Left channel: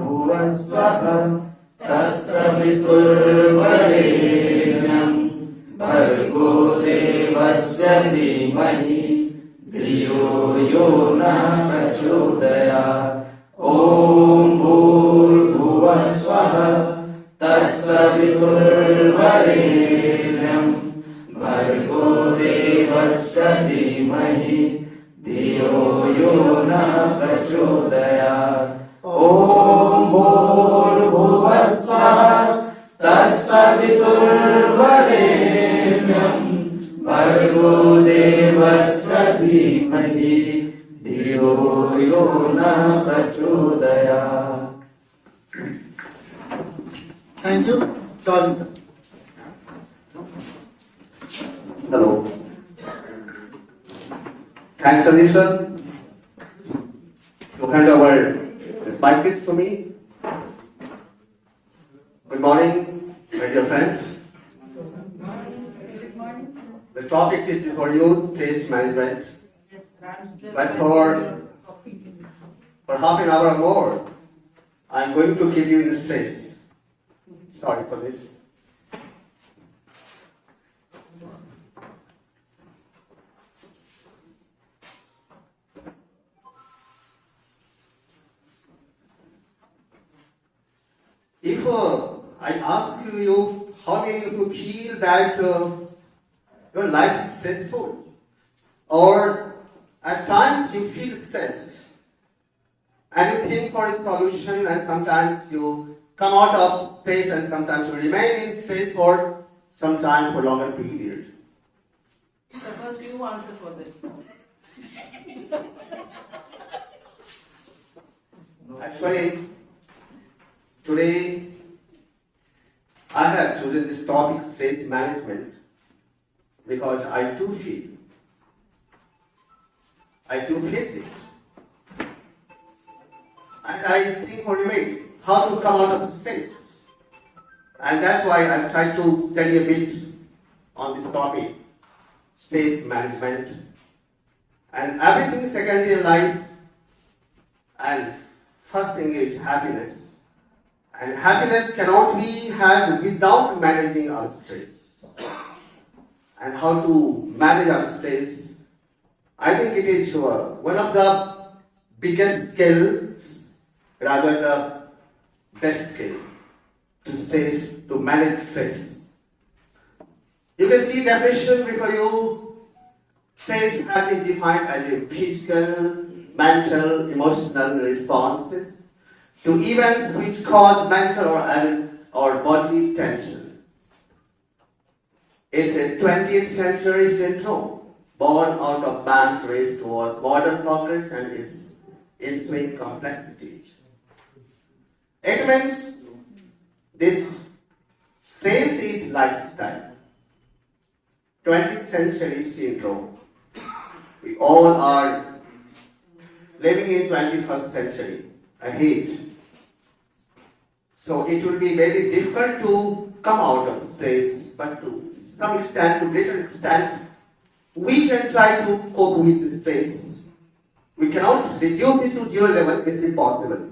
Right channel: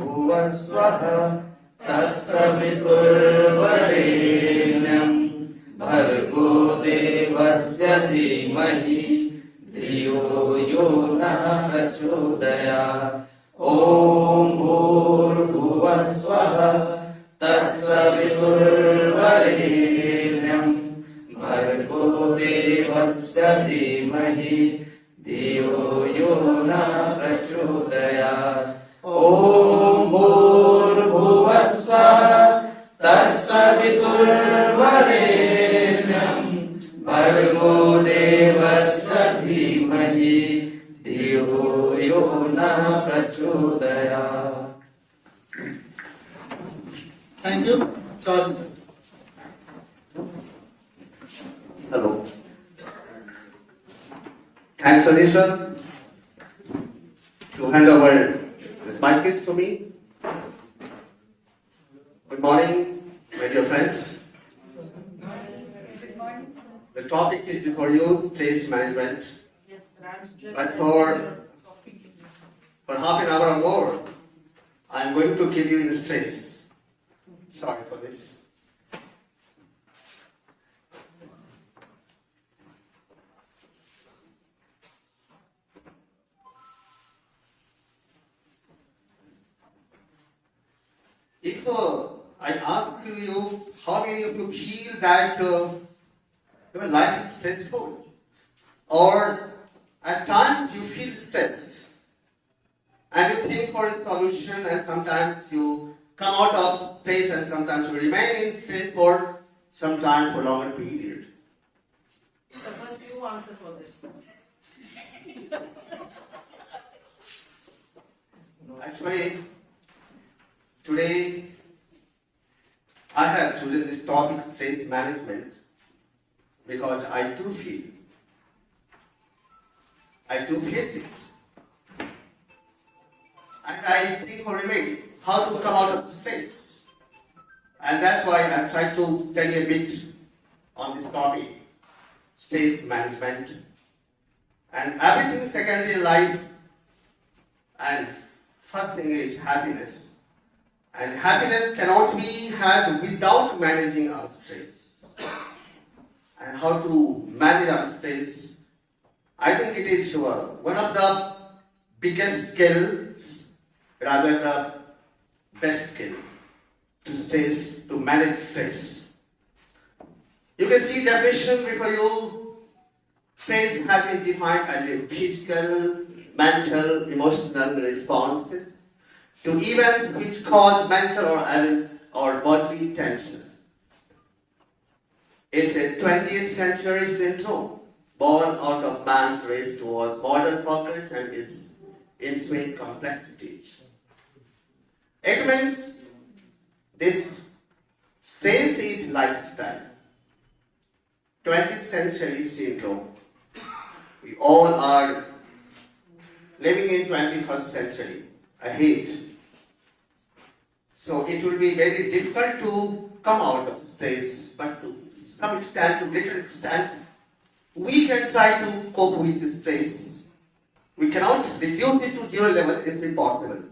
भुवस्वः तत्सवितुर्वरेण्यं भर्गो देवस्य धीमहि धियो यो नः प्रचोदयात्। ॐ भूर्भुवस्वः तत्सवितुर्वरेण्यं भर्गो देवस्य धीमहि धियो यो नः प्रचोदयात्। ॐ भूर्भुवस्वः तत्सवितुर्वरेण्यं भर्गो देवस्य धीमहि धियो यो नः प्रचोदयात्। Thank you. Sorry, sir. Hello. Thanks, Anisha, to hand over this mic to me. Good morning, my dear friends. The topic is before you, stress management. But for half an hour or more, I'm going to give you the stress. Sorry for this. If I ask you, how many of you feel that your life is stressful? Or at times you feel stressed and you think for a solution, and sometimes you come out of stress and sometimes you remain in stress for some time, for longer period. So first you answer for this. Actually, today I have chosen this topic, stress management, because I too face it. And I think for remedy how to come out of stress. And that's why I've tried to study a bit on this topic, stress management. And everything is secondary in life. And first thing is happiness. And happiness cannot be had without managing our stress. And how to manage our stress, I think it is one of the biggest skills, rather the best skill to manage stress. You can see definition before you. Stress has been defined as a physical, mental, emotional responses to events which cause mental or bodily tension. It's a 20th century syndrome born out of man's race towards modern progress and its ensuing complexities. It means this stress is lifestyle. 20th century syndrome. We all are living in 21st century ahead. So it will be very difficult to come out of stress, but to some extent, to little extent, we can try to cope with the stress. We cannot reduce it to zero level, it's impossible.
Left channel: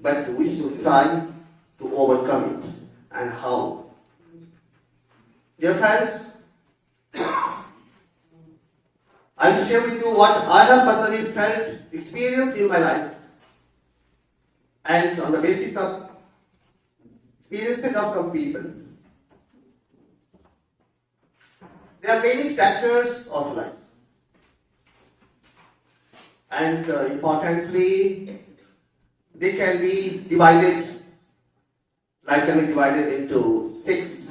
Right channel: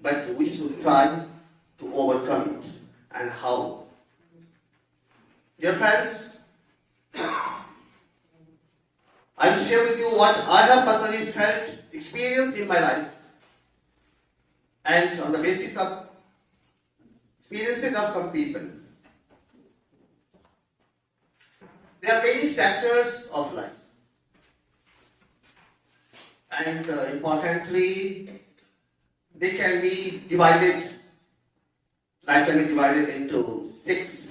But we should try to overcome it. And how? Dear friends, I will share with you what I have personally felt, experienced in my life. And on the basis of experiences of some people. There are many sectors of life. And importantly, they can be divided, life can be divided into 6,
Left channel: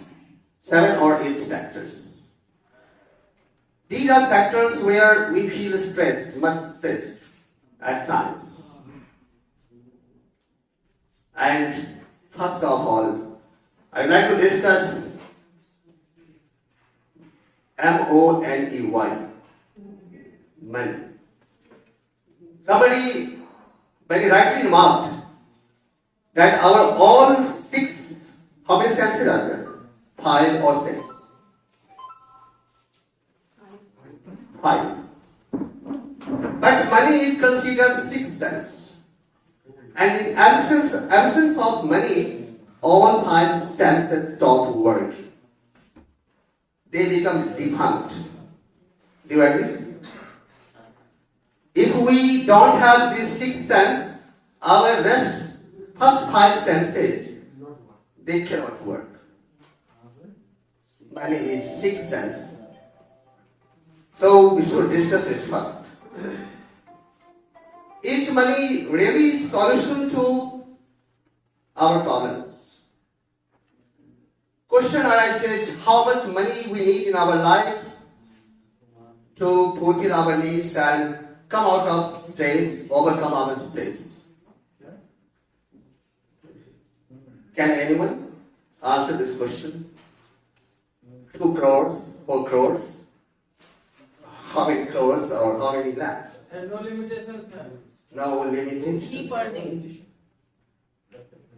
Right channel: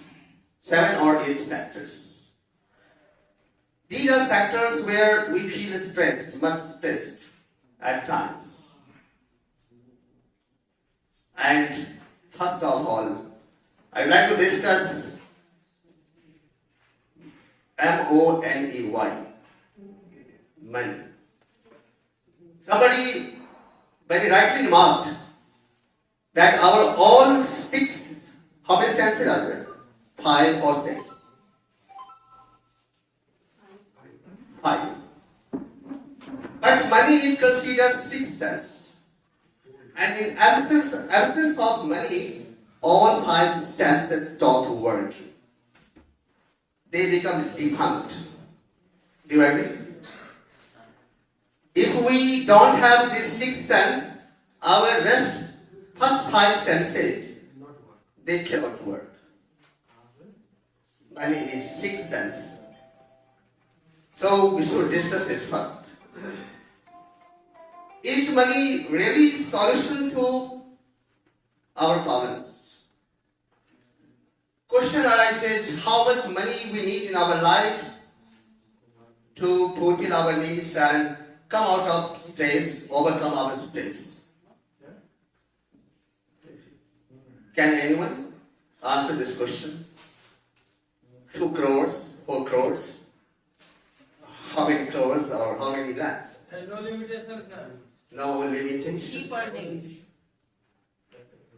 7 or 8 sectors. These are sectors where we feel stressed, much stressed at times. And first of all, I'd like to discuss MONEY, money. Somebody very rightly remarked that our all 6, how many senses are there? 5 or 6? 5. But money is considered 6th sense. And in absence of money, all five senses stop working. They become defunct. Do you agree? If we don't have these six senses, our first five senses, they cannot work. Money is sixth sense. So we should discuss it first. Is money really solution to our problems? Question arises, how much money we need in our life to fulfill our needs and come out of stress, overcome our stress? Can anyone answer this question? 2 crores, 4 crores? How many crores or how many lakhs? And no limitations, sir. No limitation. Keep earning.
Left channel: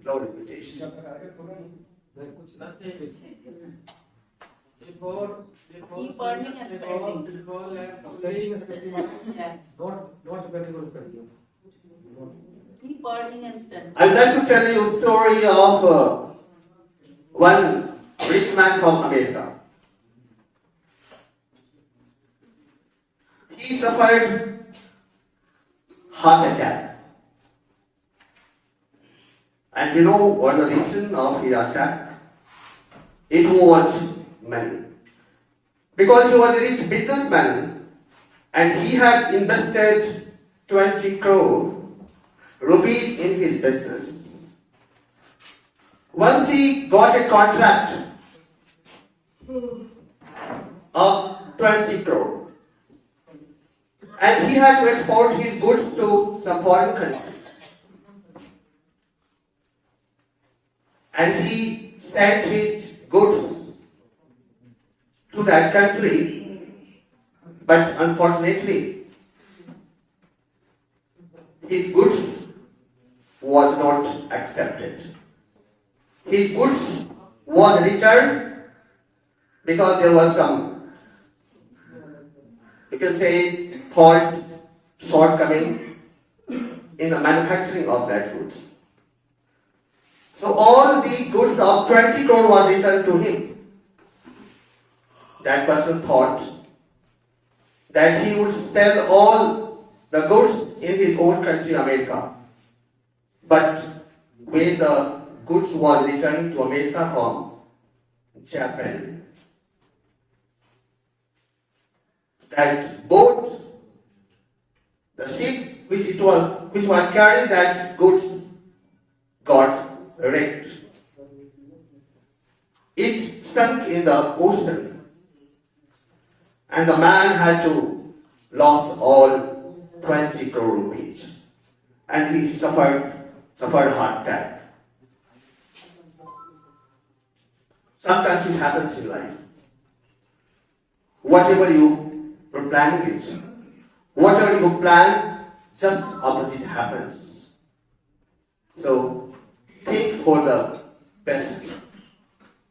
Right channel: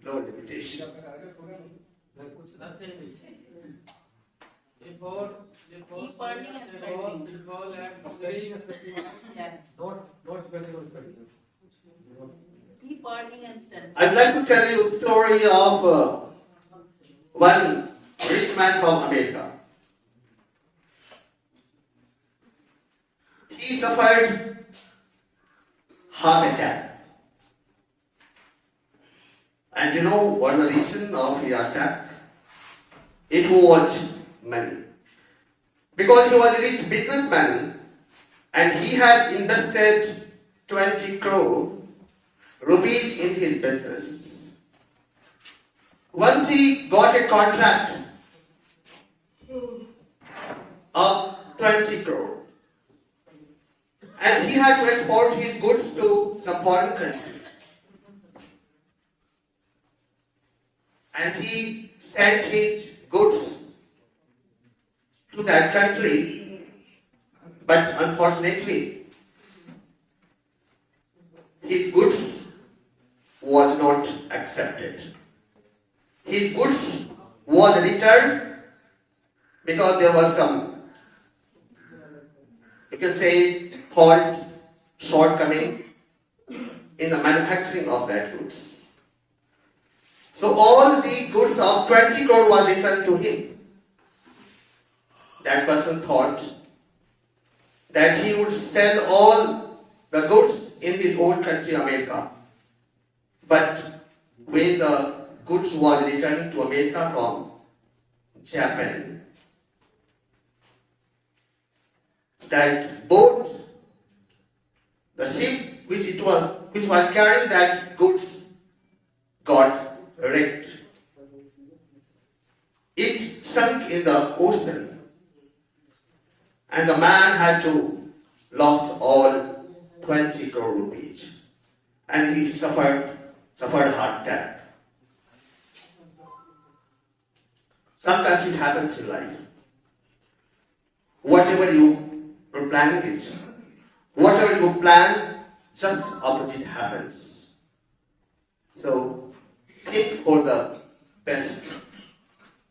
No limitation. Nothing. Before Keep earning and spending. before playing and spending. Yeah. Not depending on spending. Keep earning and spending. I'd like to tell you a story of one rich man from America. He suffered heart attack. And you know what the reason of his attack? It was money. Because he was a rich businessman and he had invested 20 crore rupees in his business. Once he got a contract of 20 crore and he had to export his goods to some foreign country. And he sent his goods to that country, but unfortunately, his goods was not accepted. His goods was returned because there was some, you can say, fault, shortcoming in the manufacturing of that goods. So all the goods of 20 crore were returned to him. That person thought that he would sell all the goods in his own country, America. But when the goods was returning to America from Japan, that boat, the ship which was carrying that goods got wrecked. It sunk in the ocean, and the man had to lost all 20 crore rupees, and he suffered heart attack. Sometimes it happens in life. Whatever you are planning is, whatever you plan, just opposite happens. So think for the best,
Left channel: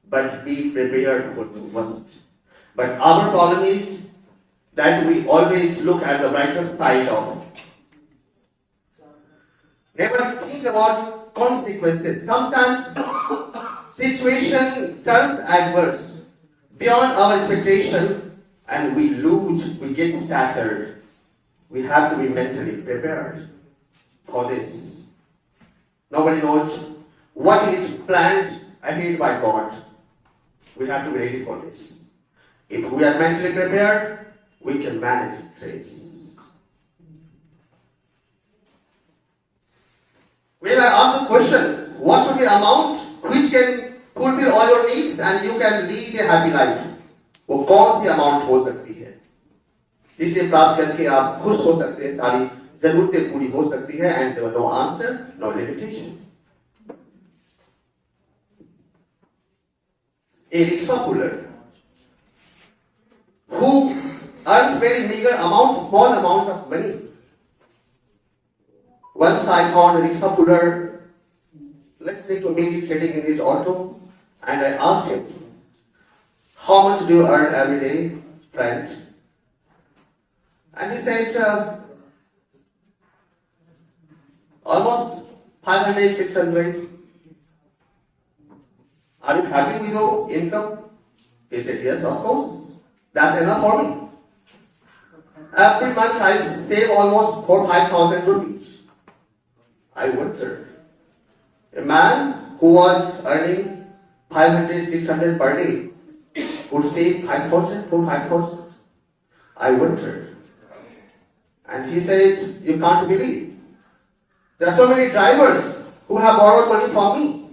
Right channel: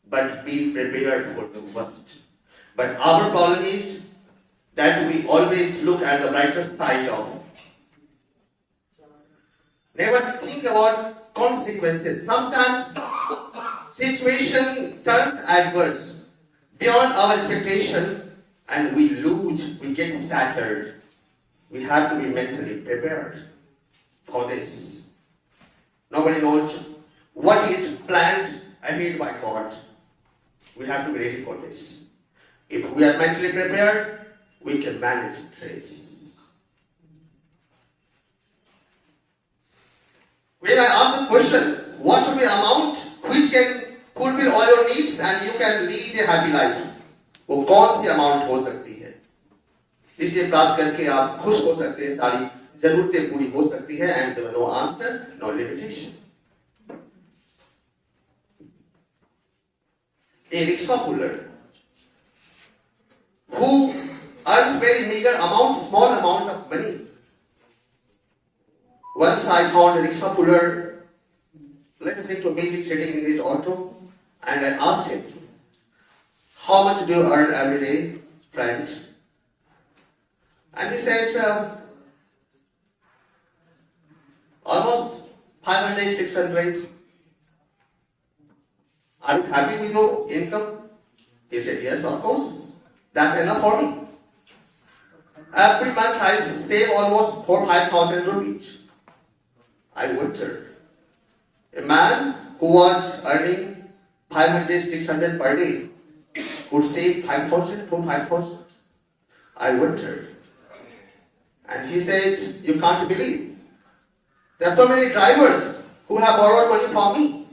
but be prepared for the worst. But our problem is that we always look at the brighter side of it. Never think about consequences. Sometimes situation turns adverse beyond our expectation and we lose, we get scattered. We have to be mentally prepared for this. Nobody knows what is planned ahead by God. We have to be ready for this. If we are mentally prepared, we can manage stress. When I ask the question, what should be the amount which can fulfill all your needs and you can lead a happy life? वो कौन सी amount हो सकती है जिसे प्राप्त करके आप खुश हो सकते हैं, सारी जरूरतें पूरी हो सकती है, and there was no answer, no limitation. A rickshaw puller who earns very meager amounts, small amounts of money. Once I found a rickshaw puller listening to music sitting in his auto, and I asked him, "How much do you earn every day, friend?" And he said, "Almost 500, 600. Are you happy with your income? He said, yes, of course. That's enough for me. Every month I save almost 4,000-5,000 rupees. I wondered. A man who was earning 500, 600 per day would save 5,000, 4,000. I wondered. And he said, you can't believe. There are so many drivers who have borrowed money from me.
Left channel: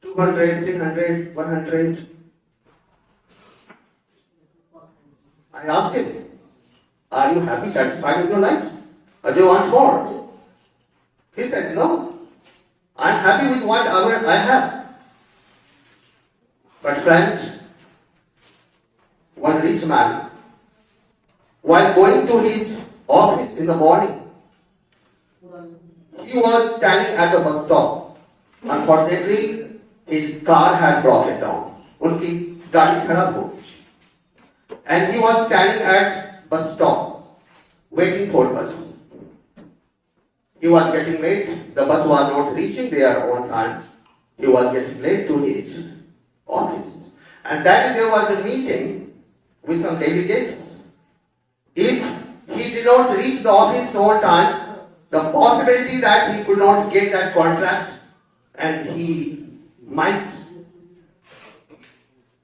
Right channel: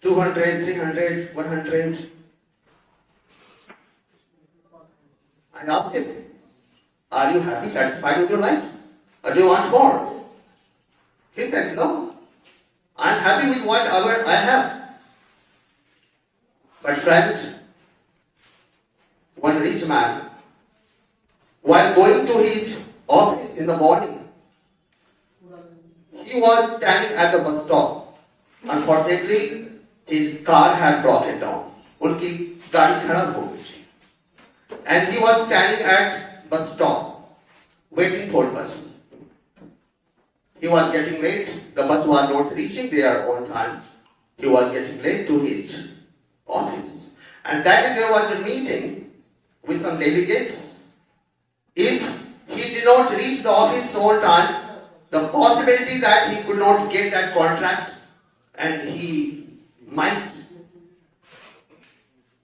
200, 300, 100. I asked him, are you happy, satisfied with your life? Or do you want more? He said, no. I am happy with whatever I have. But friend, one rich man, while going to his office in the morning, he was standing at the bus stop. Unfortunately, his car had broken down. उनकी गाड़ी खराब हो गई. And he was standing at bus stop, waiting for bus. He was getting late. The bus was not reaching there on time. He was getting late to his office. And that day there was a meeting with some delegates. If he did not reach the office on time, the possibility that he could not get that contract and he might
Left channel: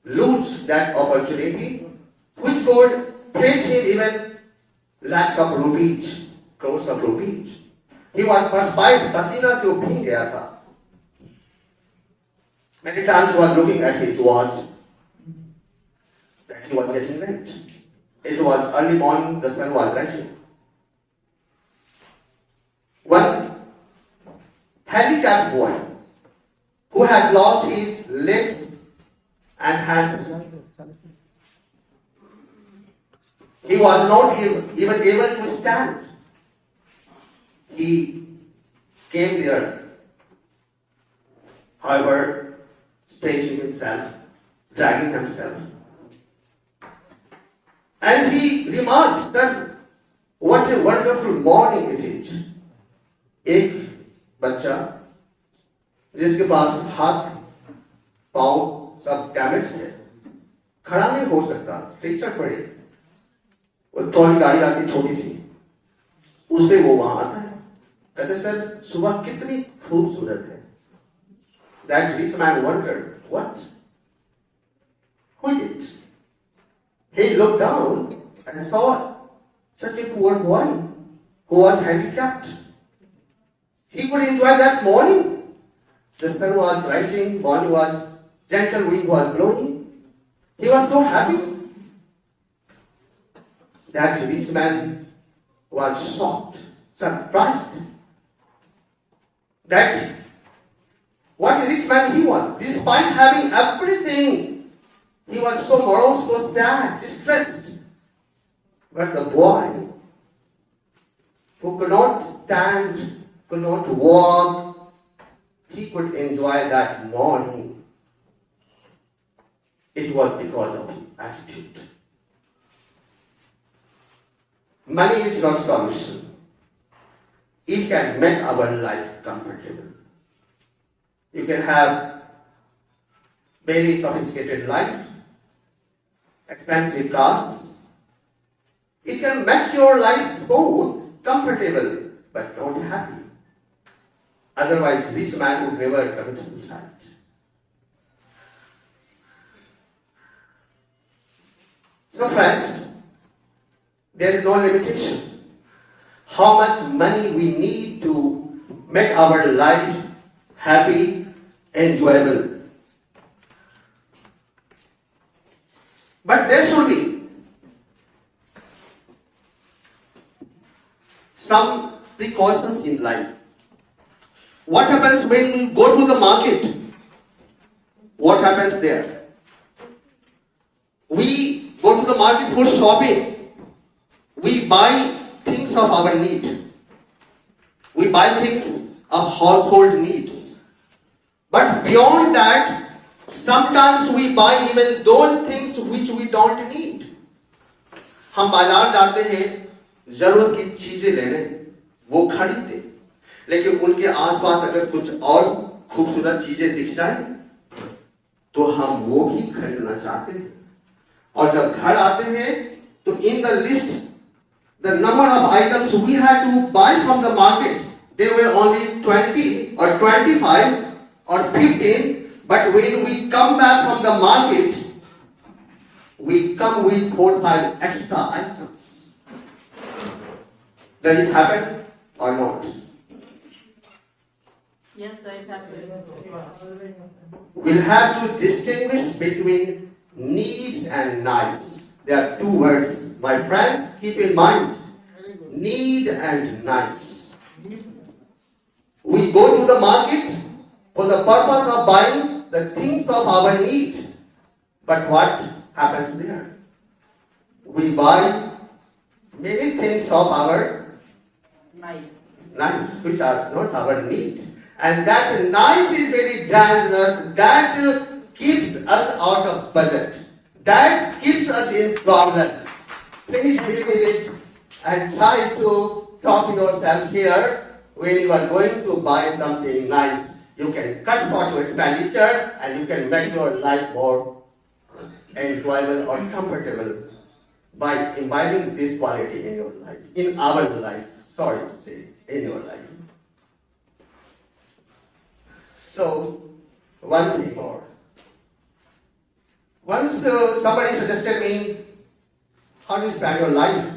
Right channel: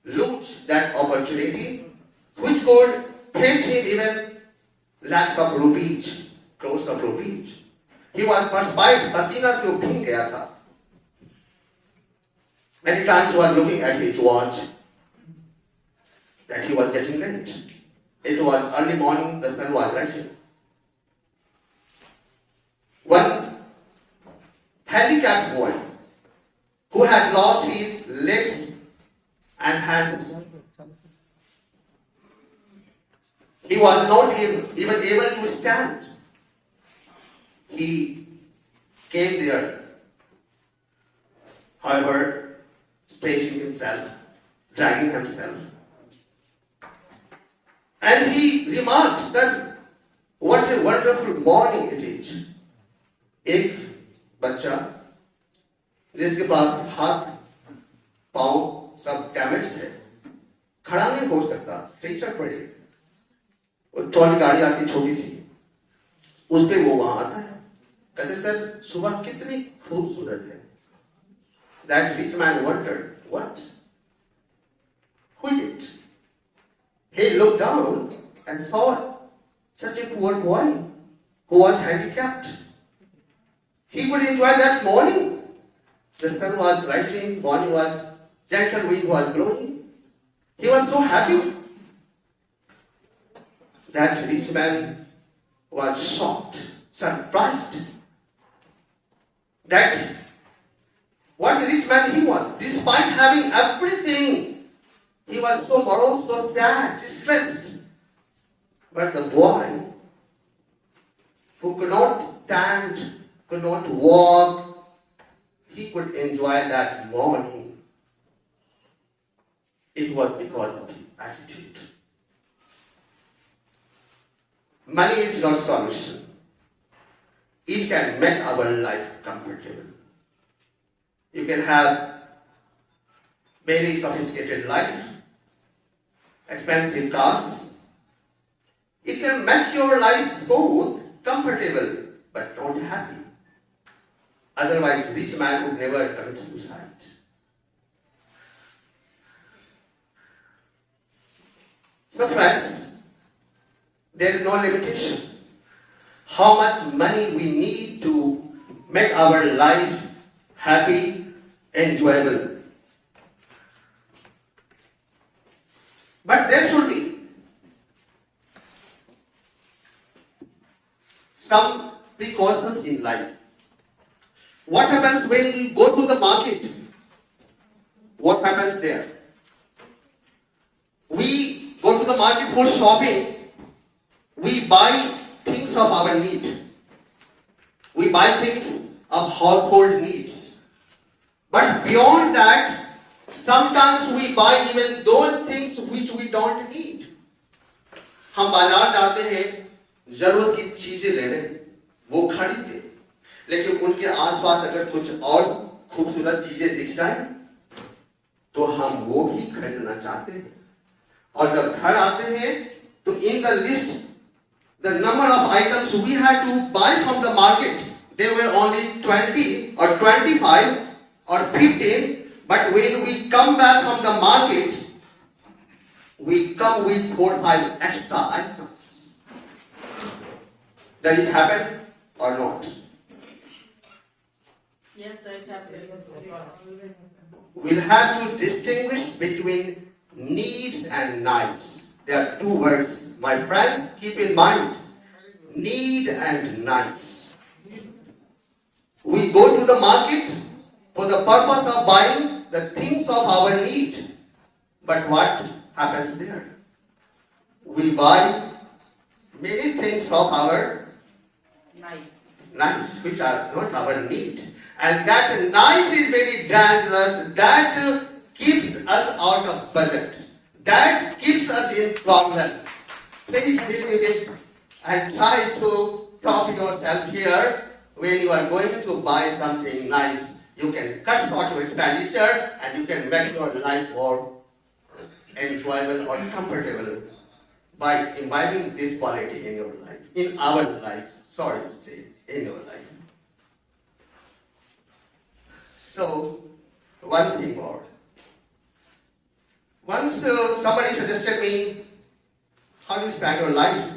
lose that opportunity, which could fetch him even lakhs of rupees, crores of rupees. He was perspired, pasina se bhing gaya tha. Many times he was looking at his watch that he was getting late. It was early morning, the sun was rising. One handicapped boy who had lost his legs and hands. He was not even able to stand. He came there, however, stretching himself, dragging himself. And he remarked that what a wonderful morning it is. एक बच्चा जिसके पास हाथ पांव सब damage थे, खड़ा नहीं हो सकता, स्ट्रेचर पड़े, वो ट्रॉली गाड़ी आती छोटी सी, उस पे वो वहां आता है. कहते सर सुबह कितनी खूबसूरत है. That rich man wondered, what? Who is it? He looked down and saw such a poor boy who was handicapped. He could enjoy that morning. The sun was rising, morning was gentle, wind was blowing. He was so happy. That rich man was shocked, surprised. That what a rich man he was. Despite having everything, he was so morose, so sad, distressed. But the boy who could not stand, could not walk, he could enjoy that morning. It was because of his attitude. Money is not solution. It can make our life comfortable. You can have very sophisticated life, expensive cars. It can make your life smooth, comfortable, but not happy. Otherwise, this man would never commit suicide. So friends, there is no limitation how much money we need to make our life happy, enjoyable. But there should be some precautions in life. What happens when we go to the market? What happens there? We go to the market for shopping. We buy things of our need. We buy things of household needs. But beyond that, sometimes we buy even those things which we don't need. हम बाजार जाते हैं, जरूरत की चीजें लेने, वो खरीदते. लेकिन उनके आसपास अगर कुछ और खूबसूरत चीजें दिख जाए तो हम वो भी खरीदना चाहते हैं। और जब घर आते हैं तो in the list the number of items we had to buy from the market, they were only 20 or 25 or 15, but when we come back from the market, we come with 4 or 5 extra items. Does it happen or not? Yes, sir, it happens. We'll have to distinguish between needs and nice. There are two words. My friends, keep in mind, need and nice. We go to the market for the purpose of buying the things of our need. But what happens there? We buy many things of our nice, which are not our need. And that nice is very dangerous. That keeps us out of budget. That keeps us in problem. Please believe it and try to talk yourself here. When you are going to buy something nice, you can cut short your expenditure and you can make your life more enjoyable or comfortable by imbibing this quality in your life, in our life, sorry to say, in your life. So, one thing more. Once somebody suggested me, how do you spend your life?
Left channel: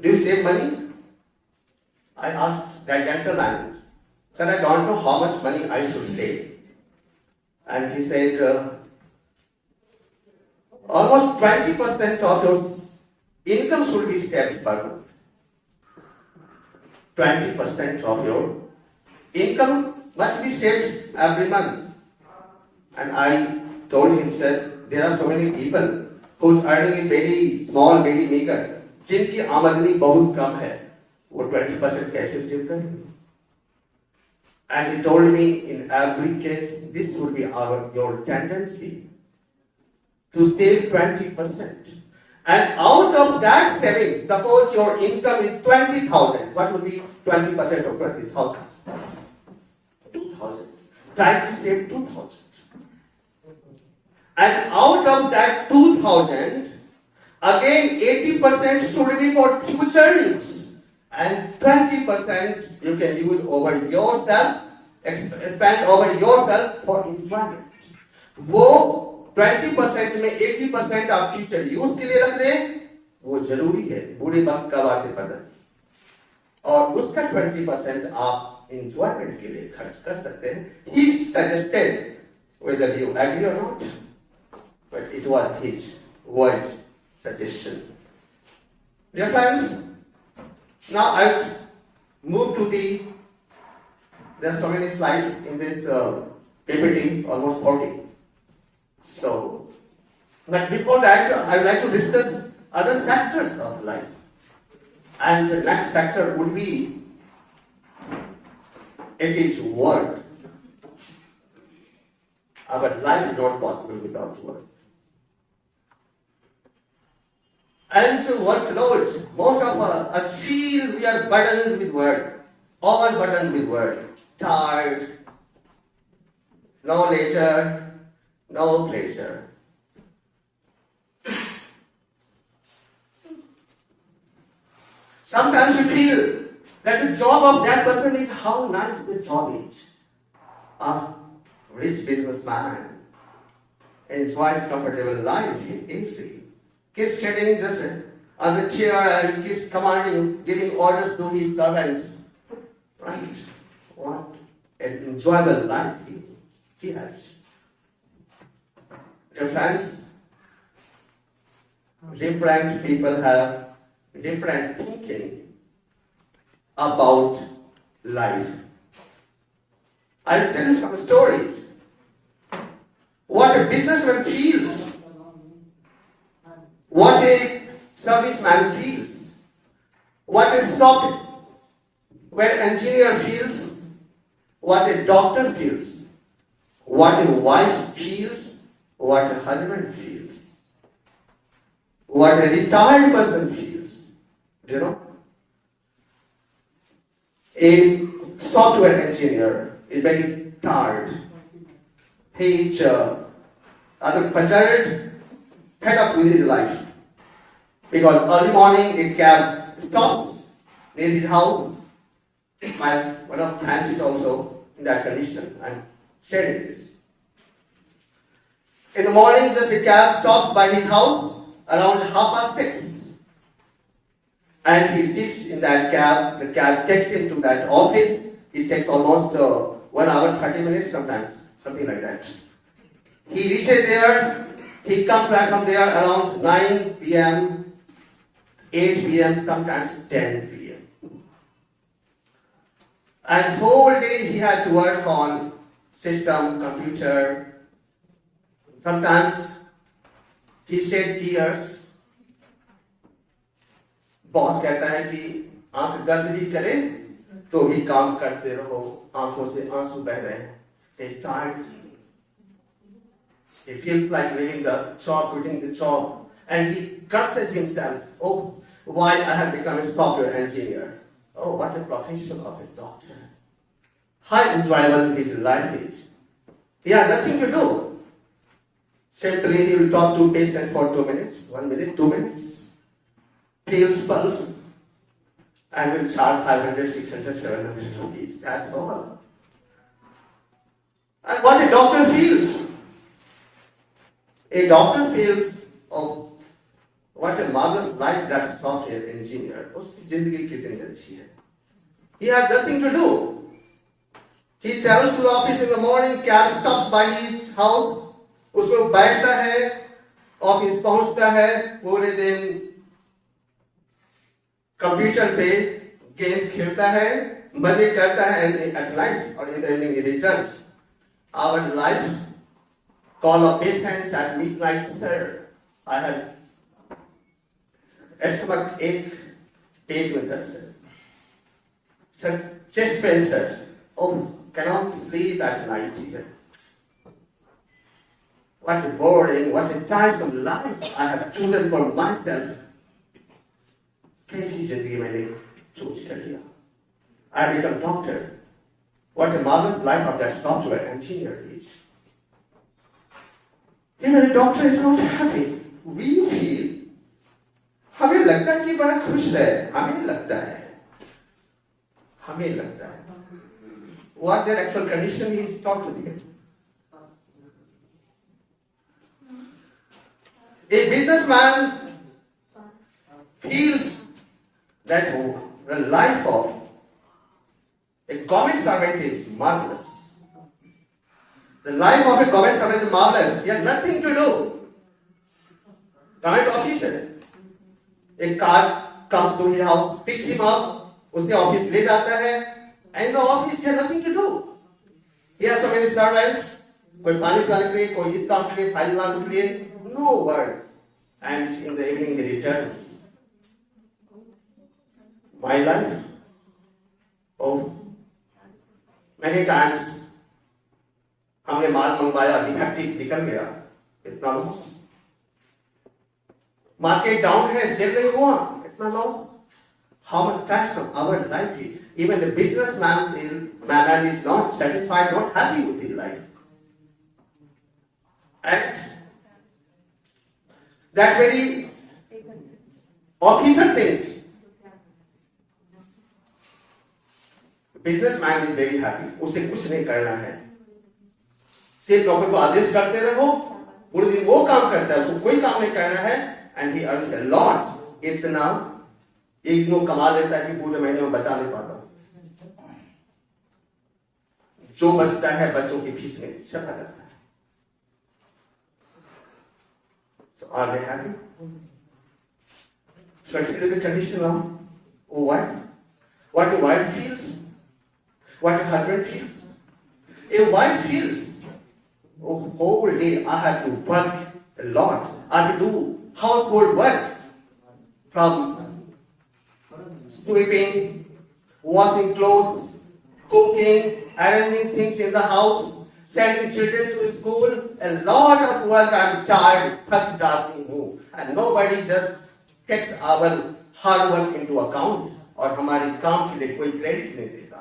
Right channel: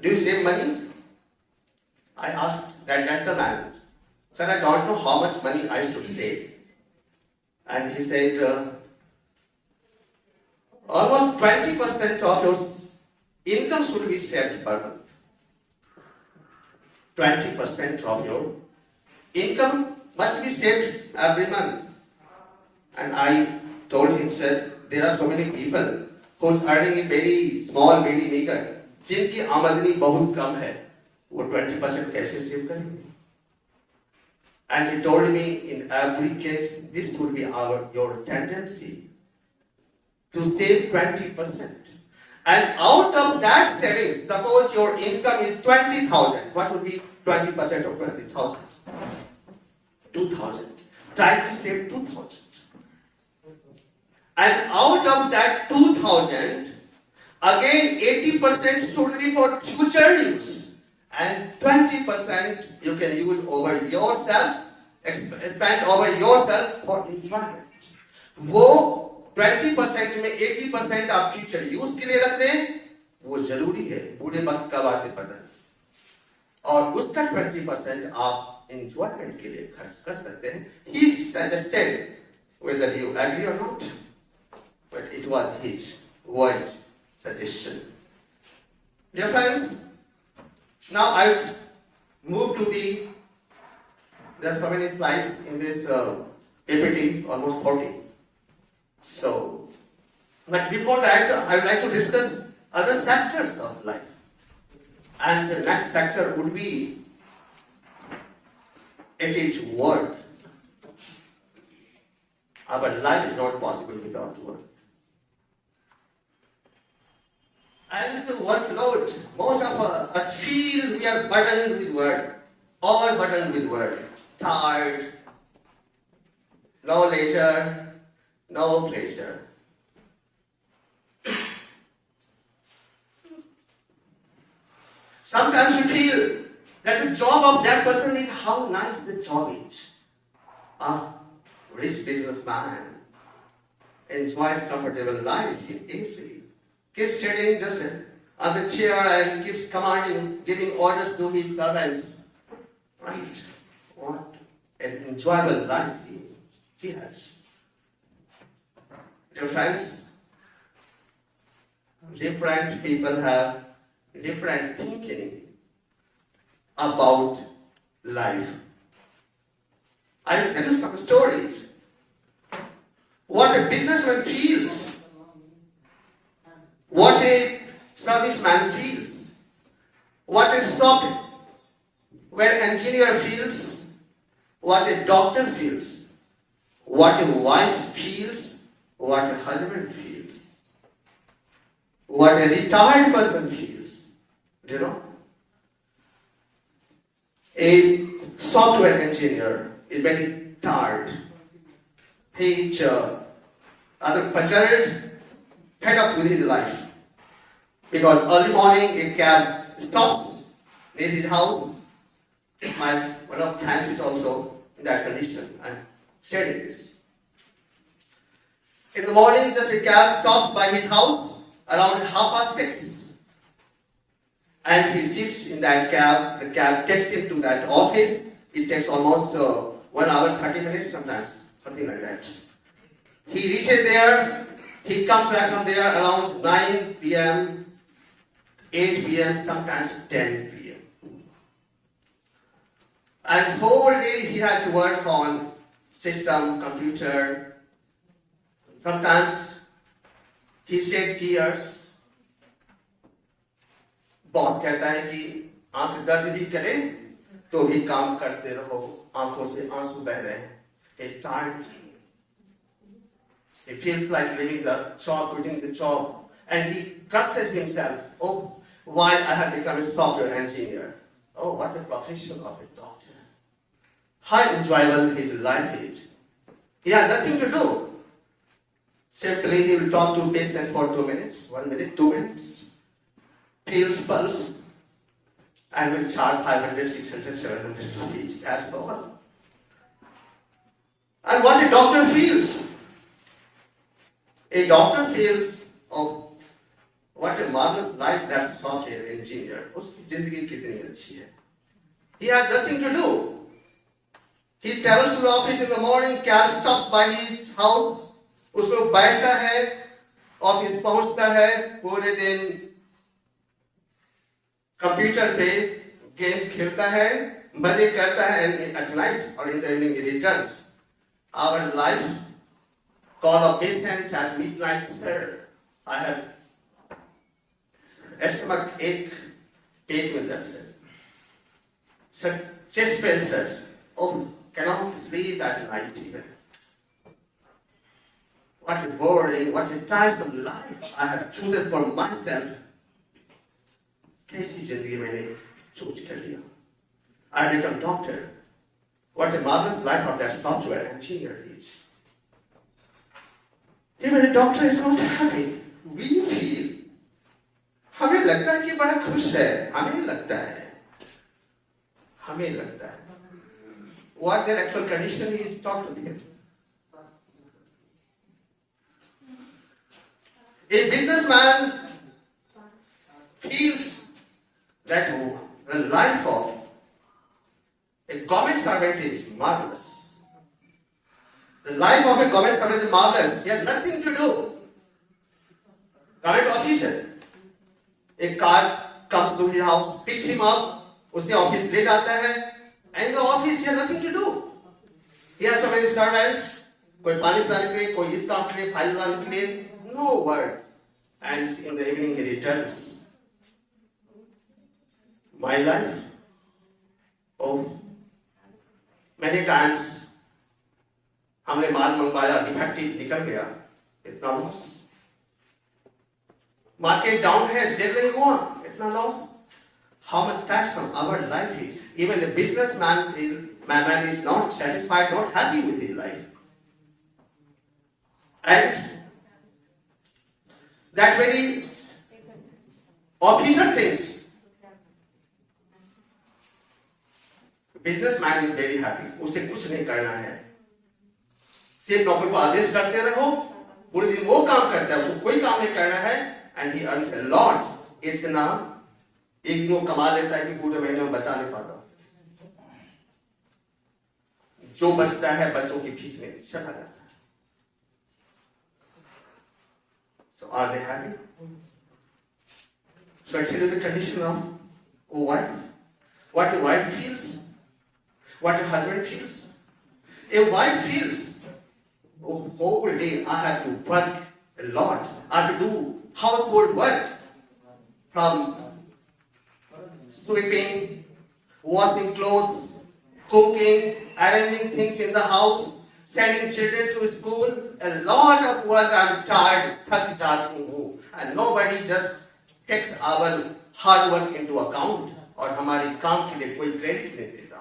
Do you save money? I asked that gentleman, sir, I don't know how much money I should save. And he said, almost 20% of your income should be saved per month. 20% of your income must be saved every month. And I told him, sir, there are so many people who are earning a very small, very meager, जिनकी आमदनी बहुत कम है, वो 20% कैसे save करेंगे? And he told me, in every case, this would be your tendency to save 20%. And out of that savings, suppose your income is 20,000. What would be 20% of 20,000? 2,000. Try to save 2,000. And out of that 2,000, again 80% should be for future use. And 20% you can use over yourself, spend over yourself for enjoyment. वो 20% में 80% आप future use के लिए रख दें, वो जरूरी है, बूढ़े वक्त का बात है पता। और उसका 20% आप enjoyment के लिए खर्च कर सकते हैं. He suggested, whether you agree or not, but it was his wise suggestion. Dear friends, now I'll move to there are so many slides in this PPT, almost 40. So, but before that, I would like to discuss other sectors of life. And the next sector would be, it is work. Our life is not possible without work. And to workload, most of us feel we are burdened with work, all burdened with work, tired, no leisure, no pleasure. Sometimes you feel that the job of that person is how nice the job is. A rich businessman enjoys comfortable life in AC, keeps sitting just on the chair and keeps commanding, giving orders to his servants. Right? What an enjoyable life he has. Dear friends, different people have different thinking about life. I'll tell you some stories. What a businessman feels, what a serviceman feels, what a software engineer feels, what a doctor feels, what a wife feels, what a husband feels, what a retired person feels. Do you know? A software engineer is very tired. He is rather frustrated, fed up with his life. Because early morning a cab stops near his house. One of friends is also in that condition and sharing this. In the morning, just a cab stops by his house around 6:30. And he sits in that cab. The cab takes him to that office. It takes almost 1 hour, 30 minutes sometimes, something like that. He reaches there. He comes back from there around 9 p.m., 8 p.m., sometimes 10 p.m. And whole day he had to work on system, computer. Sometimes he shed tears. Boss कहता है कि आंख दर्द भी करे तो भी काम करते रहो, आंखों से आंसू बह रहे हैं. He's tired. He feels like leaving the job, quitting the job, and he curses himself. Oh, why I have become a software engineer? Oh, what a profession of a doctor. How enjoyable his life is. He has nothing to do. Simply he will talk to patient for 2 minutes, 1 minute, 2 minutes. Feels pulse and will charge 500, 600, 700 rupees. That's all. And what a doctor feels. A doctor feels, oh, what a marvelous life that software engineer. Uski zindagi kitni achhi hai. He has nothing to do. He travels to the office in the morning, cab stops by his house, उसमें बैठता है, office पहुंचता है, पूरे दिन computer पे games खेलता है, मजे करता है, and at night or in the evening he returns. Our life, call a patient at midnight, sir, I have stomach ache, पेट में दर्द है, sir, chest pain, sir, oh, cannot sleep at night even. What a boring, what a tiresome life I have chosen for myself. कैसी जिंदगी मैंने सोच कर लिया. I have become doctor. What a marvelous life of that software engineer is. Even a doctor is not happy. We feel. हमें लगता है कि बड़ा खुश है. हमें लगता है. What their actual condition is, talk to them. A businessman feels that the life of a government servant is marvelous. The life of a government servant is marvelous. He has nothing to do. Government officer. A car comes to his house, picks him up, उसके office ले जाता है, and in the office he has nothing to do. He has so many servants. कोई पानी पिलाने के लिए, कोई इस काम के लिए, फाइल लाने के लिए. No word. And in the evening he returns. My life. Oh, many times हमने माल मंगवाया, डिफेक्टिव निकल गया, इतना लॉस. मार्केट डाउन है, सेल नहीं हुआ, इतना loss. How much tiresome our life is. Even the businessman is not satisfied, not happy with his life. And that very officer thinks. Businessman is very happy. उसे कुछ नहीं करना है. सिर्फ नौकर को आदेश करते रहो. पूरे दिन वो काम करता है, उसको कोई काम नहीं करना है. And he earns a lot. इतना एक वो कमा लेता है कि पूरे महीने में बचा नहीं पाता. जो बचता है बच्चों की फीस में चला जाता है. So are they happy? So I tell you the condition of a wife. What a wife feels. What a husband feels. A wife feels, oh, whole day I have to work a lot. I have to do household work. From sweeping, washing clothes, cooking, arranging things in the house, sending children to school. A lot of work. I'm tired, थक जाती हूँ. And nobody just takes our hard work into account. और हमारी काम के लिए कोई credit नहीं देता.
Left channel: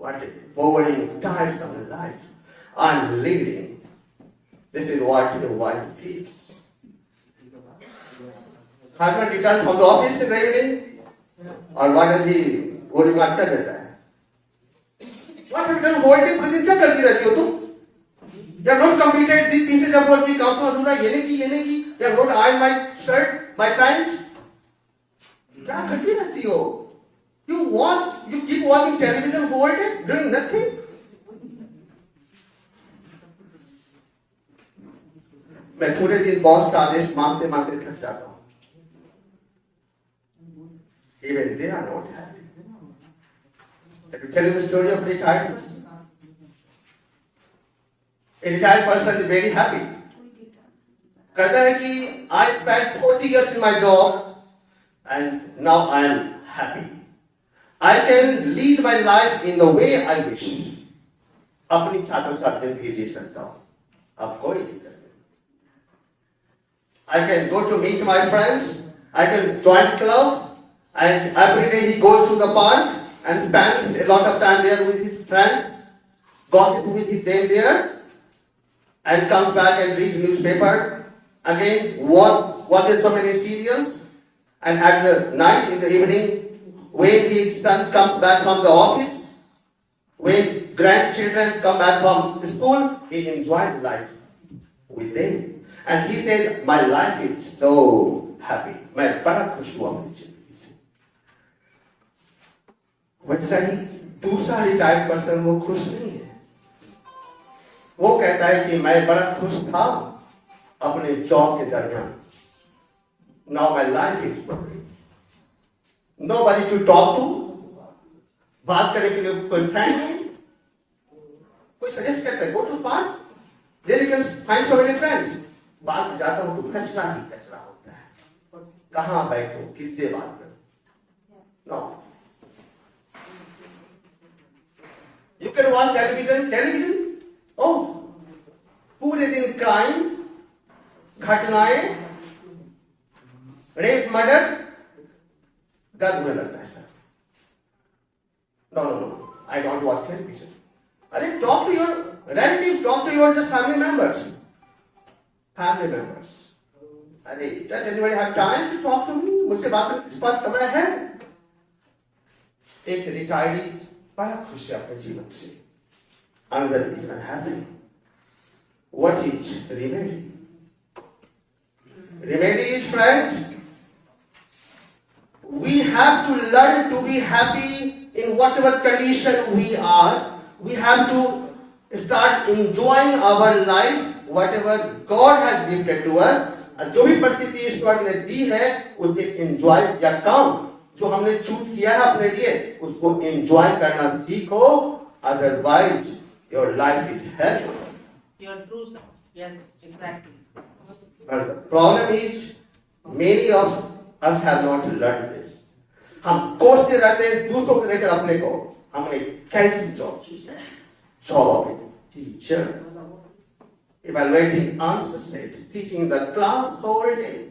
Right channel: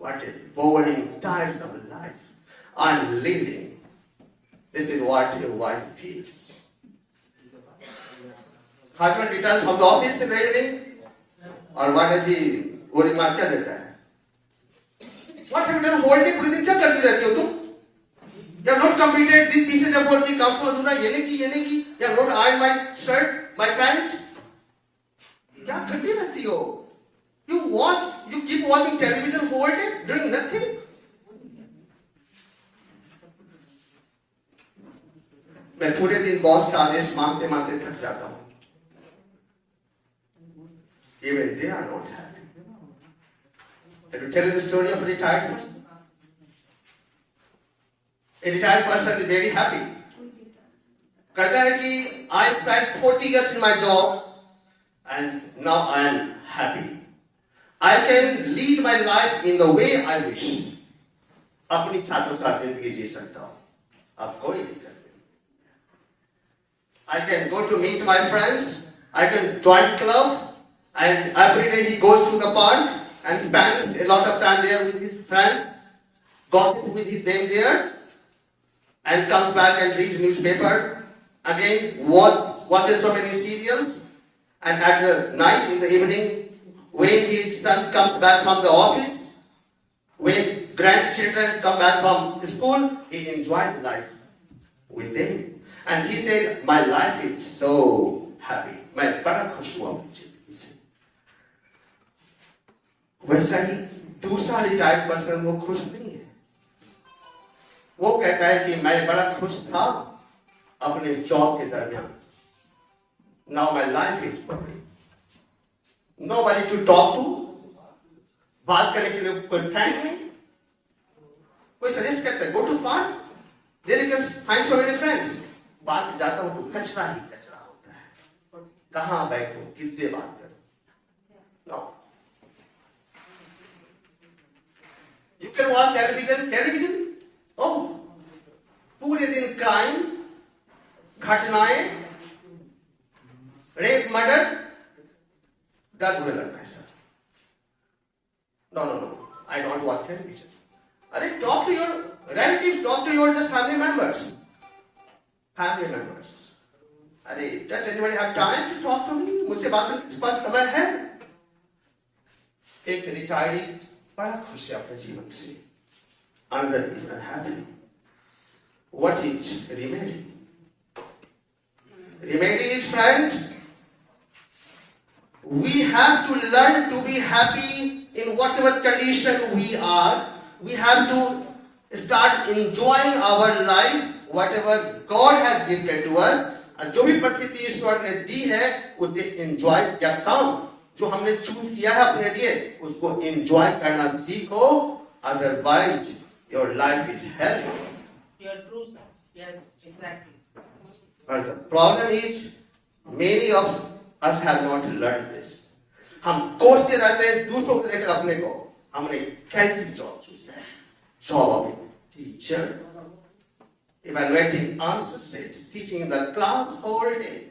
What a boring, tiresome life I'm leading. This is what your wife feels. Husband returns from the office in the evening, or what does he worry about that? What have you done whole day? पूरे दिन क्या करती रहती हो तुम? You have not completed these pieces of work. काम से अधूरा ये नहीं की. You have not ironed my shirt, my pant. क्या करती रहती हो? You keep watching television whole day, doing nothing. मैं पूरे दिन बॉस का आदेश मांगते मांगते थक जाता हूँ. Even they are not happy. Let me tell you the story of a retired person. A retired person is very happy. कहता है कि I spent 40 years in my job and now I am happy. I can lead my life in the way I wish. अपनी चाहतों का जिंदगी जी सकता हूँ. अब कोई दिक्कत नहीं. I can go to meet my friends. I can join club. And every day he goes to the park and spends a lot of time there with his friends, gossip with them there, and comes back and reads newspaper. Again, watches so many serials, and at the night, in the evening, when his son comes back from the office, when grandchildren come back from school, he enjoys life with them. And he said, my life is so happy. मैं बड़ा खुश हुआ मुझे. वैसा ही दूसरा retired person वो खुश नहीं है. वो कहता है कि मैं बड़ा खुश था अपने जॉब के दरमियान. Now my life is boring. Nobody to talk to. बात करने के लिए कोई फ्रेंड नहीं. कोई सजेस्ट करता है go to park. There you can find so many friends. बात जाता हूँ तो कचरा ही कचरा होता है. कहाँ बैठूं, किससे बात करूं? No. You can watch television. Oh, पूरे दिन crime, घटनाएं, rape, murder, दर्द होने लगता है sir. No. I don't watch television. अरे talk to your relatives, talk to your just family members. अरे does anybody have time to talk to me? मुझसे बात करने के पास समय है? एक रिटायर्डी बड़ा खुश है अपने जीवन से. Another is unhappy. What is remedy? Remedy is, friend, we have to learn to be happy in whatever condition we are. We have to start enjoying our life, whatever God has gifted to us. जो भी परिस्थिति ईश्वर ने दी है उसे enjoy या काम जो हमने चूज किया है अपने लिए उसको एंजॉय करना सीखो. Otherwise, your life is hell. Your true self. Yes, exactly. But the problem is, many of us have not learned this. हम कोसते रहते हैं दूसरों को लेकर अपने को. हमने कैसी जॉब चूज किया? Job teacher, evaluating answer sets, teaching the class whole day.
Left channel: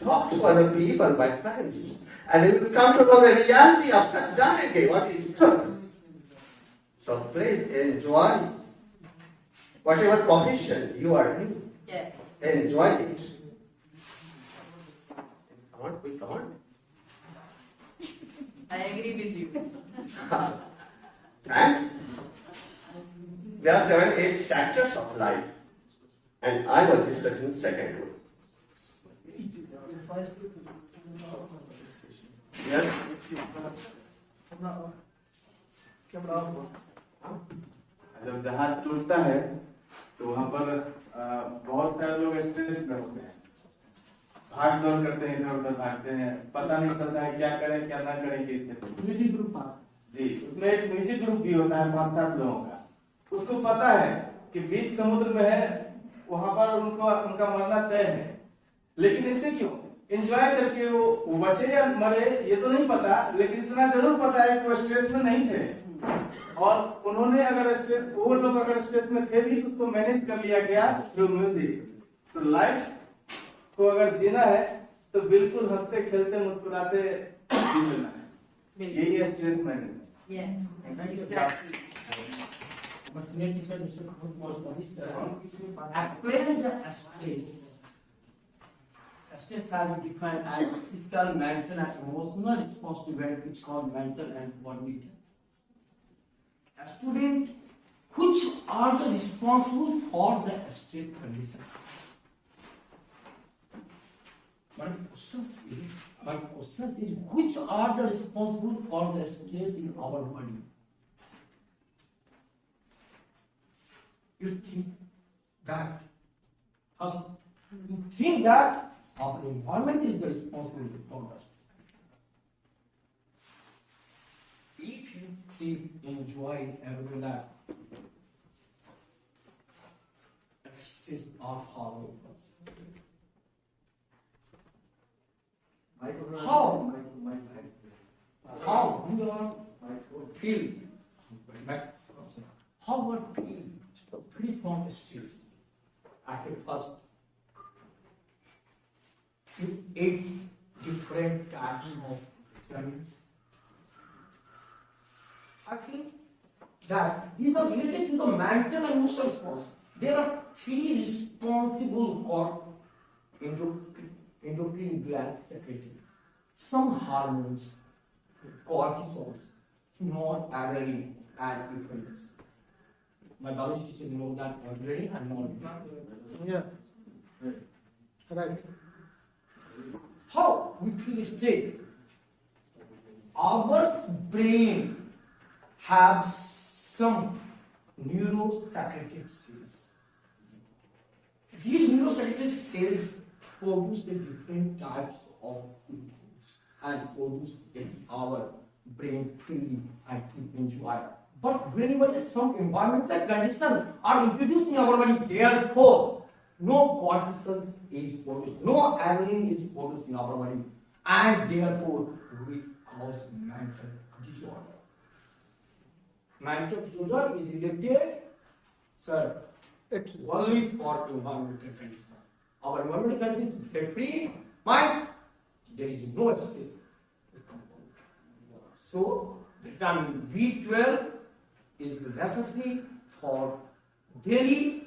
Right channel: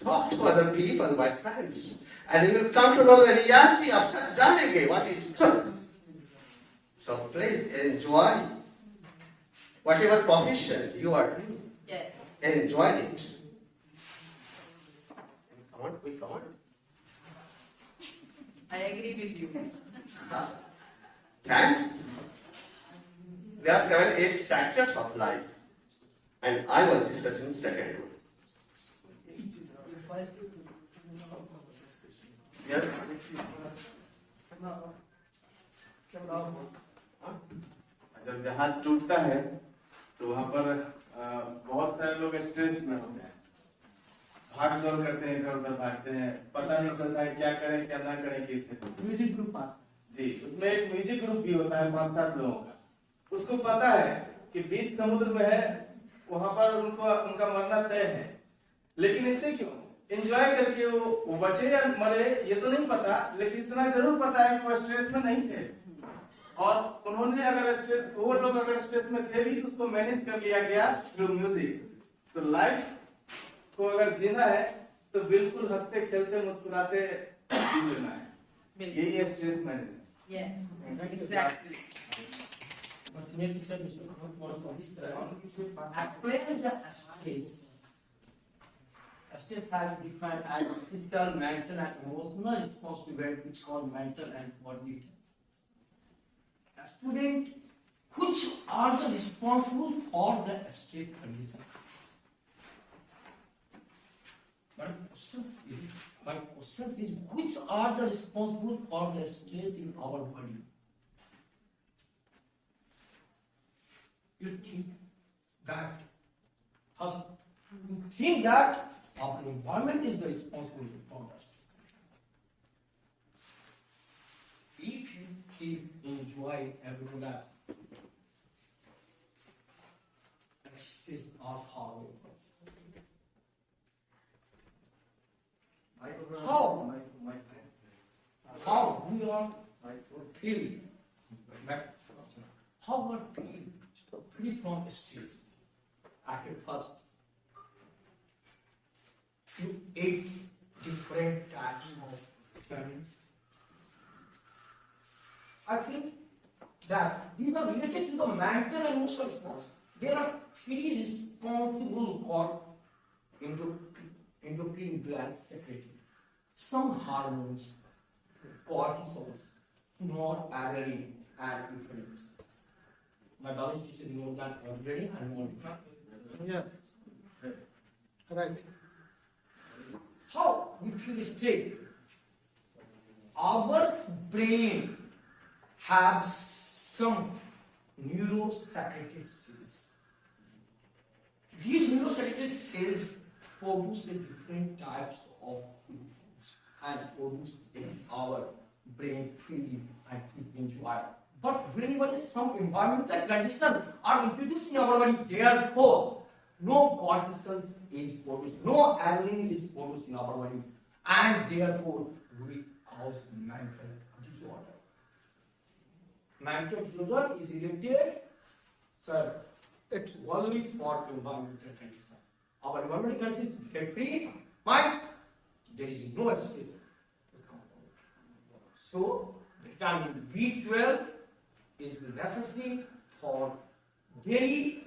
Talk to other people, my friends, and you will come to know the reality of Janage, what is truth. So please enjoy whatever profession you are in. Yeah. Enjoy it. Come on. I agree with you. Thanks. There are 7, 8 sectors of life, and I was discussing second one. Yes. जब जहाज टूटता है तो वहाँ पर बहुत सारे लोग स्ट्रेस में होते हैं, भाग दौड़ करते हैं, इधर उधर भागते हैं, पता नहीं चलता है क्या करें क्या ना करें की स्थिति. म्यूजिक ग्रुप जी, उसमें एक म्यूजिक ग्रुप भी होता है 5-7 लोगों का. उसको पता है कि बीच समुद्र में है, वहां पर उनका मरना तय है, लेकिन इससे क्यों एंजॉय करके वो बचे या मरे ये तो नहीं पता, लेकिन इतना जरूर पता है कि वो स्ट्रेस में नहीं थे. और उन्होंने वो लोग अगर स्ट्रेस में थे भी उसको मैनेज कर लिया गया थ्रू म्यूजिक. तो लाइफ को अगर जीना है तो बिल्कुल हंसते खेलते मुस्कुराते जीना है. यही है stress management. Yes, Thank you. exactly. My senior teacher, Mr. Khurub, was explain the stress. Stress has been defined as physical, mental, and emotional response to event which cause mental and bodily tensions. A student, which are the responsible for the stress condition? My question is, which are the responsible for the stress in our body? You think that our environment is the responsibility for the stress. If you keep enjoying every life, stress are far away from us. How we are feel like how we feel free from stress. At first, you ate different types of vitamins. I think that these are related to the mental and emotional response. There are three responsible for endocrine glands secreting some hormones, cortisols, noradrenaline, and epinephrine. My biology teacher knows that adrenaline and noradrenaline. Yeah. Right. How we feel stress? Our brain have some neurosecreted cells. These neurosecreted cells produce different types of foods and produce in our brain freely and keep enjoy. But whenever some environmental conditions are introduced in our body, therefore no cortisol is produced, no adrenaline is produced in our body, and therefore we cause mental disorder. Mental disorder is related, sir, only for environmental conditions. Our environmental conditions is free, mind, there is no stress. So, vitamin B12 is necessary for daily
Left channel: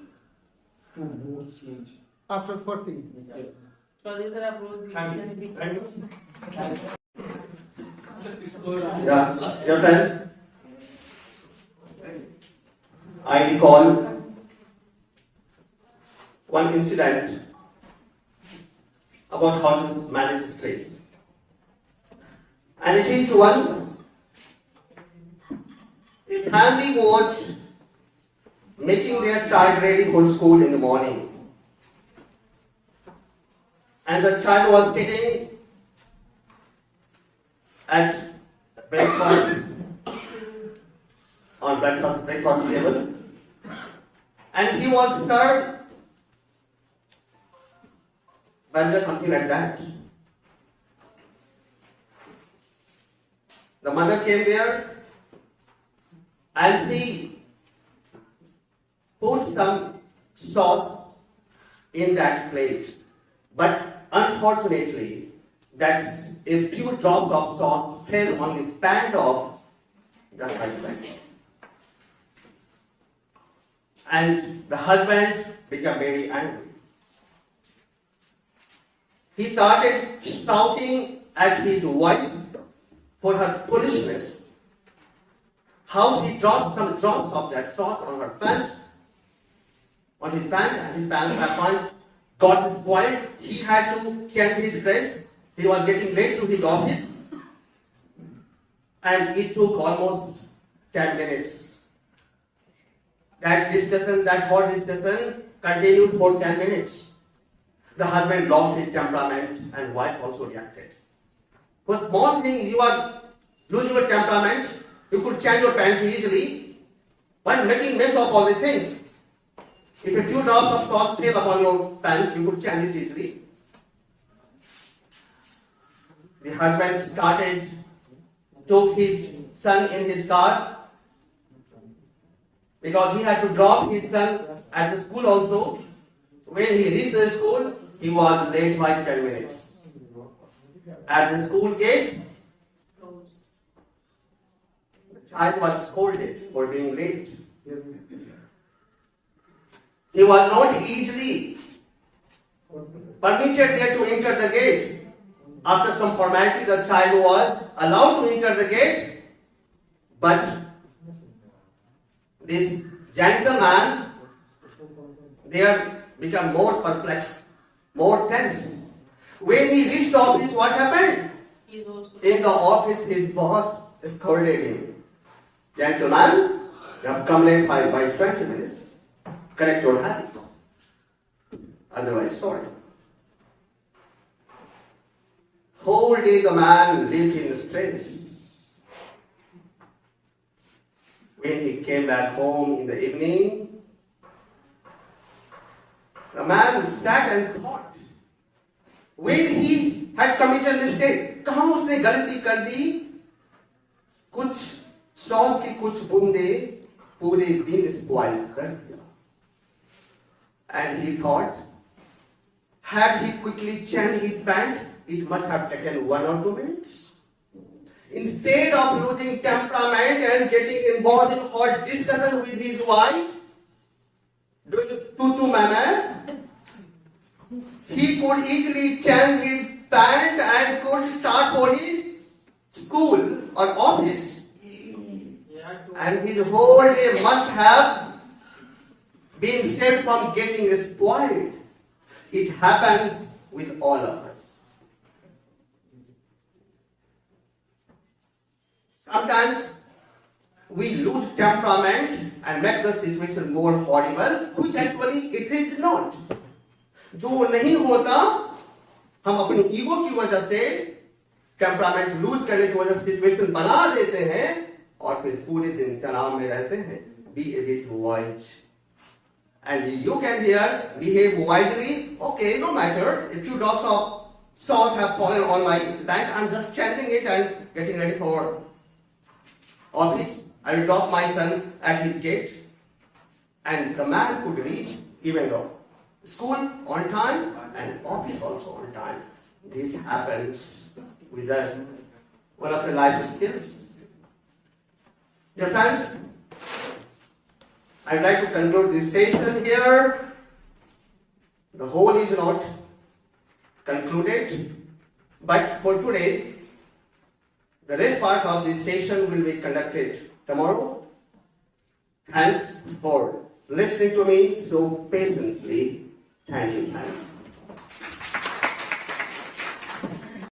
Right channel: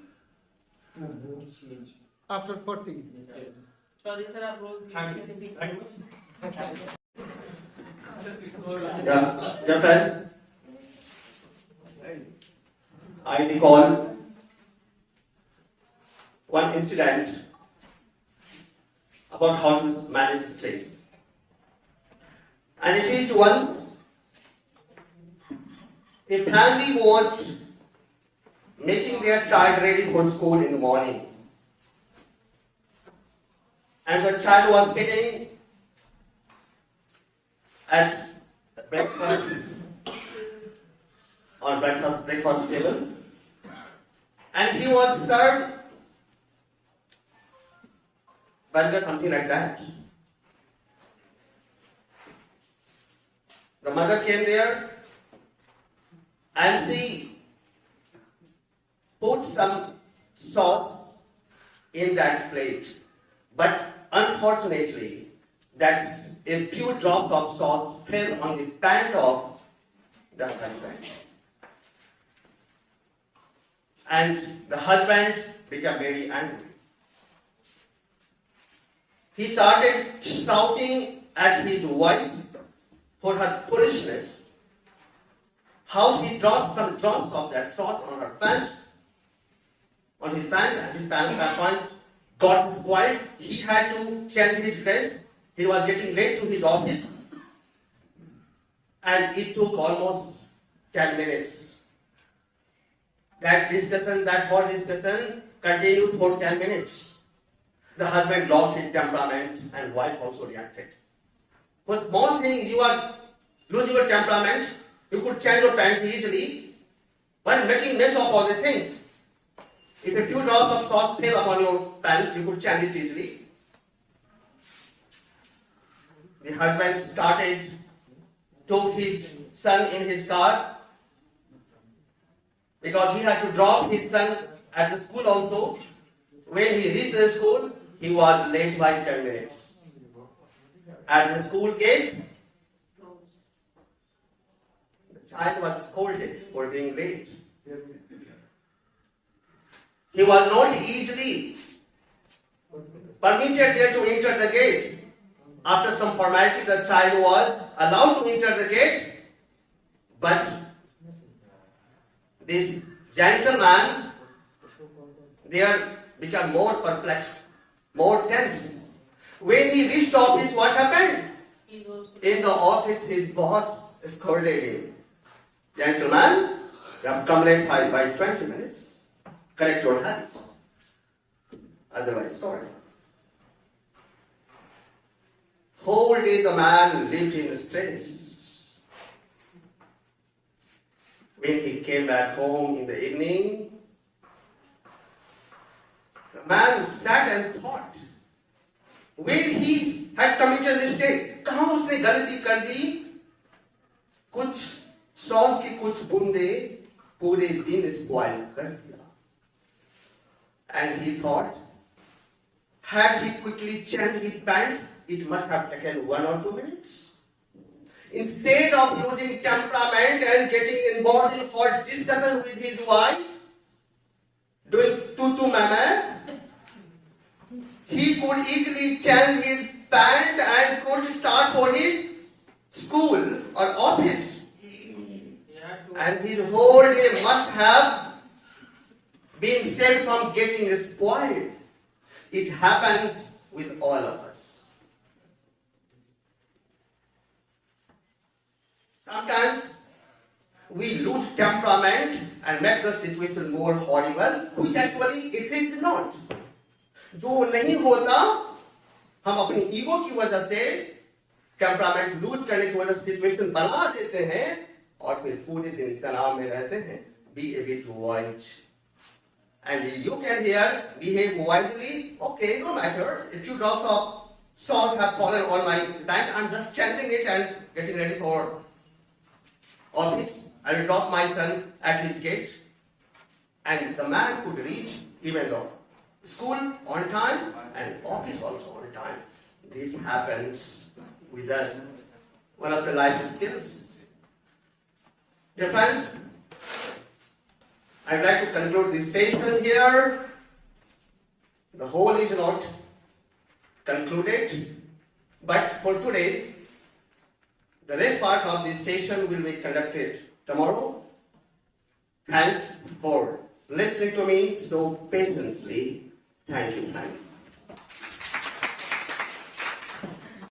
to mood change. After 40. Yes. Chaudhary sir, आप रोज Thank लिखते you हैं। very much. Yeah, dear friends, I recall one incident about how to manage stress. And it is once a family was making their child ready for school in the morning. And the child was sitting at breakfast on breakfast table, and he was served burger, something like that. The mother came there and she put some sauce in that plate, but unfortunately that a few drops of sauce fell on the pant of the husband. And the husband became very angry. He started shouting at his wife for her foolishness. How she dropped some drops of that sauce on her pant, on his pant, and his pant got spoiled. He had to change his dress. He was getting late to his office, and it took almost 10 minutes. That discussion, that hot discussion, continued for 10 minutes. The husband lost his temperament, and wife also reacted. For small thing, you are losing your temperament. You could change your pants easily, but making mess of all the things. If a few drops of sauce fell upon your pants, you could change it easily. The husband took his son in his car, because he had to drop his son at the school also. When he reached the school, he was late by 10 minutes. At the school gate, the child was scolded for being late. He was not easily permitted there to enter the gate. After some formality, the child was allowed to enter the gate, but this gentleman there became more perplexed, more tense. When he reached office, what happened? He's also. In the office, his boss scolded him. Gentleman, you have come late by 20 minutes. Correct your habit. Otherwise, sorry. Whole day the man lived in stress. When he came back home in the evening, the man sat and thought. When he had committed mistake, कहाँ उसने गलती कर दी? कुछ sauce की कुछ बूंदे पूरे दिन स्पॉइल कर दिया. And he thought, had he quickly changed his pant, it must have taken 1 or 2 minutes. Instead of losing temperament and getting involved in hot discussion with his wife, doing tutu mama, he could easily change his pant and could start for his school or office. And his whole day must have been saved from getting spoiled. It happens with all of us. Sometimes we lose temperament and make the situation more horrible, which actually it is not. जो नहीं होता, हम अपनी ego की वजह से temperament loose करने की वजह से सिचुएशन बना देते हैं और फिर पूरे दिन तनाव में रहते हैं. Be a bit wise. And you can here behave wisely. Okay, no matter. A few drops of sauce have fallen on my pant. I'm just changing it and getting ready for office. I will drop my son at his gate. And the man could reach even the school on time and office also on time. This happens with us. One of the life skills. Dear friends, I would like to conclude this session here. The whole is not concluded, but for today, the rest part of this session will be conducted tomorrow. Thanks for listening to me so patiently. Thank you. Thanks.